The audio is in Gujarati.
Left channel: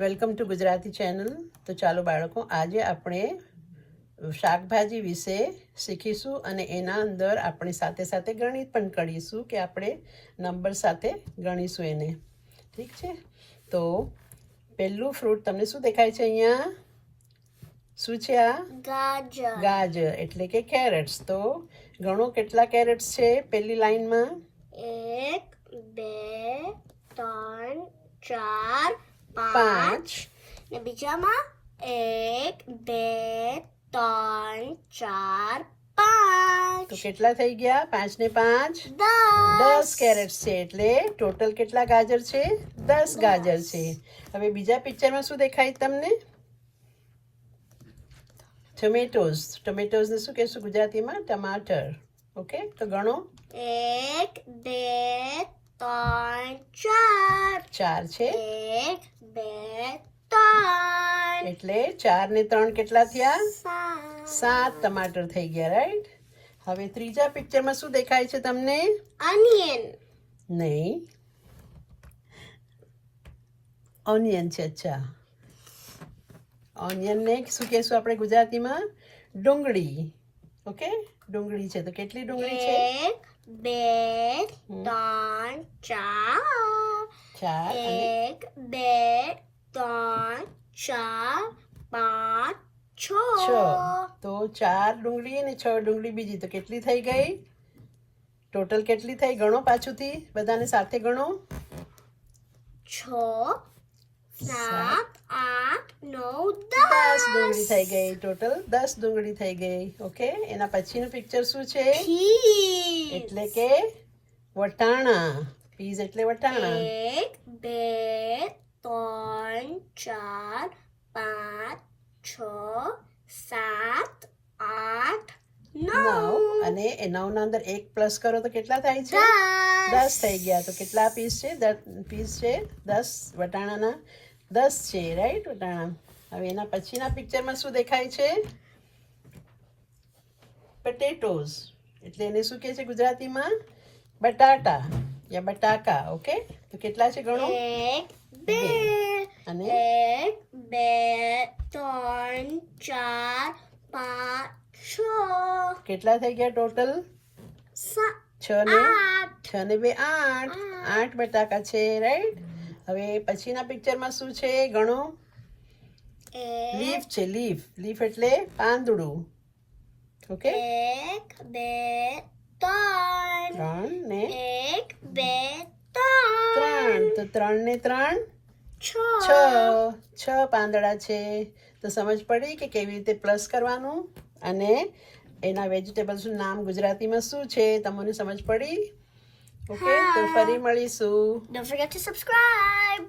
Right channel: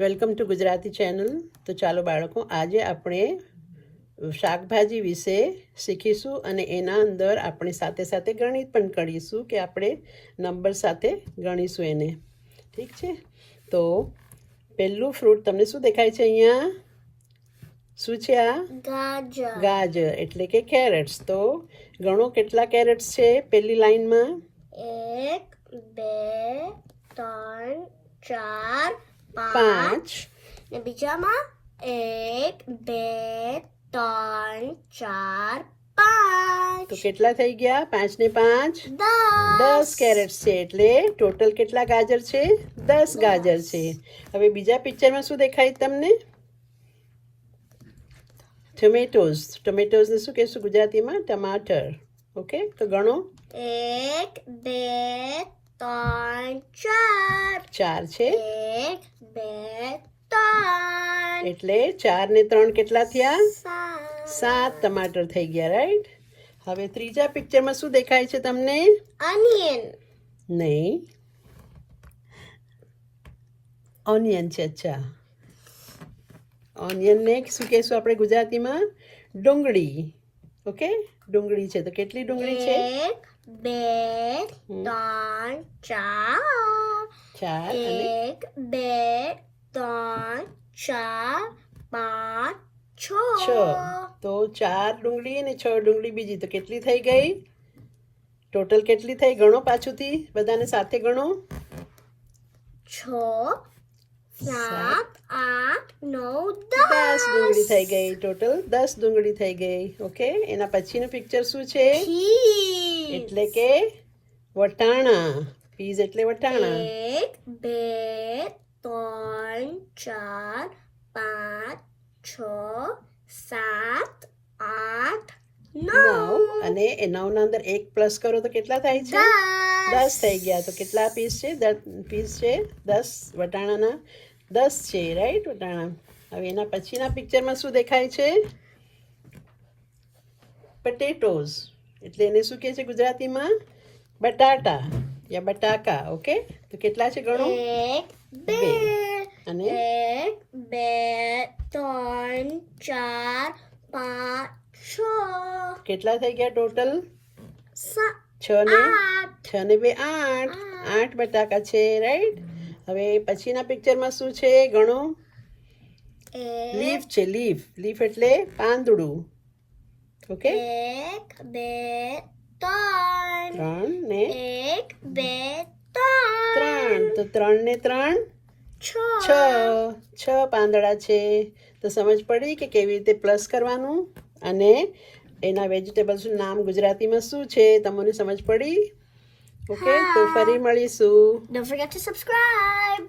Welcome to Gujarati channel. તો ચાલો બાળકો આજે આપણે શાકભાજી વિશે શીખીશું અને એના અંદર આપણે સાથે સાથે ગણિત પણ કરીશું કે આપણે નંબર સાથે ગણીશું એને. ઠીક છે? તો પહેલું ફ્રૂટ તમને શું દેખાય છે અહીંયા? શું છે આ? ગાજર. ગાજર એટલે કે કેરેટ્સ. તો ગણો કેટલા કેરેટ્સ છે પહેલી લાઈનમાં? એક બે ત્રણ ચાર પાંચ. ને બીજામાં એક બે ત્રણ ચાર પાંચ. તો કેટલા થઈ ગયા? પાંચ ને પાંચ? દસ. કેરેટ છે એટલે ટોટલ કેટલા ગાજર છે? દસ ગાજર છે. હવે બીજા પિક્ચરમાં શું દેખાય તમને? ટમેટોઝ ટમેટોઝ ને શું કહેશું ગુજરાતીમાં? ટમાટર. ઓકે તો ગણો. એક બે ત્રણ ચાર. ચાર છે. એક એટલે ચાર ને ત્રણ કેટલા થયા? સાત. ટમાટર થઈ ગયા રાઈટ હવે ત્રીજા પિક્ચરમાં શું દેખાય છે તમને? ઓનિયન નહીં. ઓનિયન છે અચ્છા. ઓનિયનને શું કહેશું આપણે ગુજરાતીમાં? ડુંગળી. ઓકે ડુંગળી છે. તો કેટલી ડુંગળી છે? એક બે ત્રણ ચાર. ચાર એક બે ત્રણ ચાર પાંચ છ. છ. તો ચાર ડુંગળી અને છ ડુંગળી બીજી. તો કેટલી થઈ ગઈ? ટોટલ કેટલી થઈ? ગણો પાછુંથી. બધાને સાથે ગણો. છ સાત આઠ નવ દસ દસ. ડુંગળી થઈ ગઈ. ટોટલ દસ ડુંગળી થઈ ગઈ. ઓકે એના પછીનું પિક્ચર શું છે? એટલે કે વટાણા. પીઝ એટલે વટાણા. એક બે ત્રણ ચાર પાંચ છ સાત આઠ નવ. અને એ નવના અંદર એક પ્લસ કરો તો કેટલા થાય છે? દસ. દસ થઈ ગયા. તો કેટલા પીસ છે? પીસ છે? દસ. વટાણાના દસ છે રાઈટ વટાણા. હવે એના પછીના પિક્ચરમાં શું દેખાય છે? પટેટોઝ એટલે એને શું કહે છે ગુજરાતીમાં? બટાટા. યા બટાકા ઓકે? તો કેટલા છે ગણો? એક બે અને? એક બે ત્રણ ચાર પાંચ છ. કેટલા થઈ ગયા ટોટલ? છ ને? આઠ. છ ને બે આઠ. આઠ. બટાકા છે રાઈટ? હવે પછીના પિક્ચરમાં શું છે ગણો? લીફ છે લીફ. લીફ એટલે પાંદડું. ઓકે? એક બે ત્રણ. ત્રણ ને? એક બે ત્રણ. તો ત્રણ ને ત્રણ? છ. છ. પાંદડા છે. તો સમજ પડી કે કેવી રીતે પ્લસ કરવાનું? અને એના વેજીટેબલ્સનું નામ ગુજરાતીમાં શું છે? તમને સમજ પડી? ઓકે તો ફરી મળીશું. Don't forget to subscribe.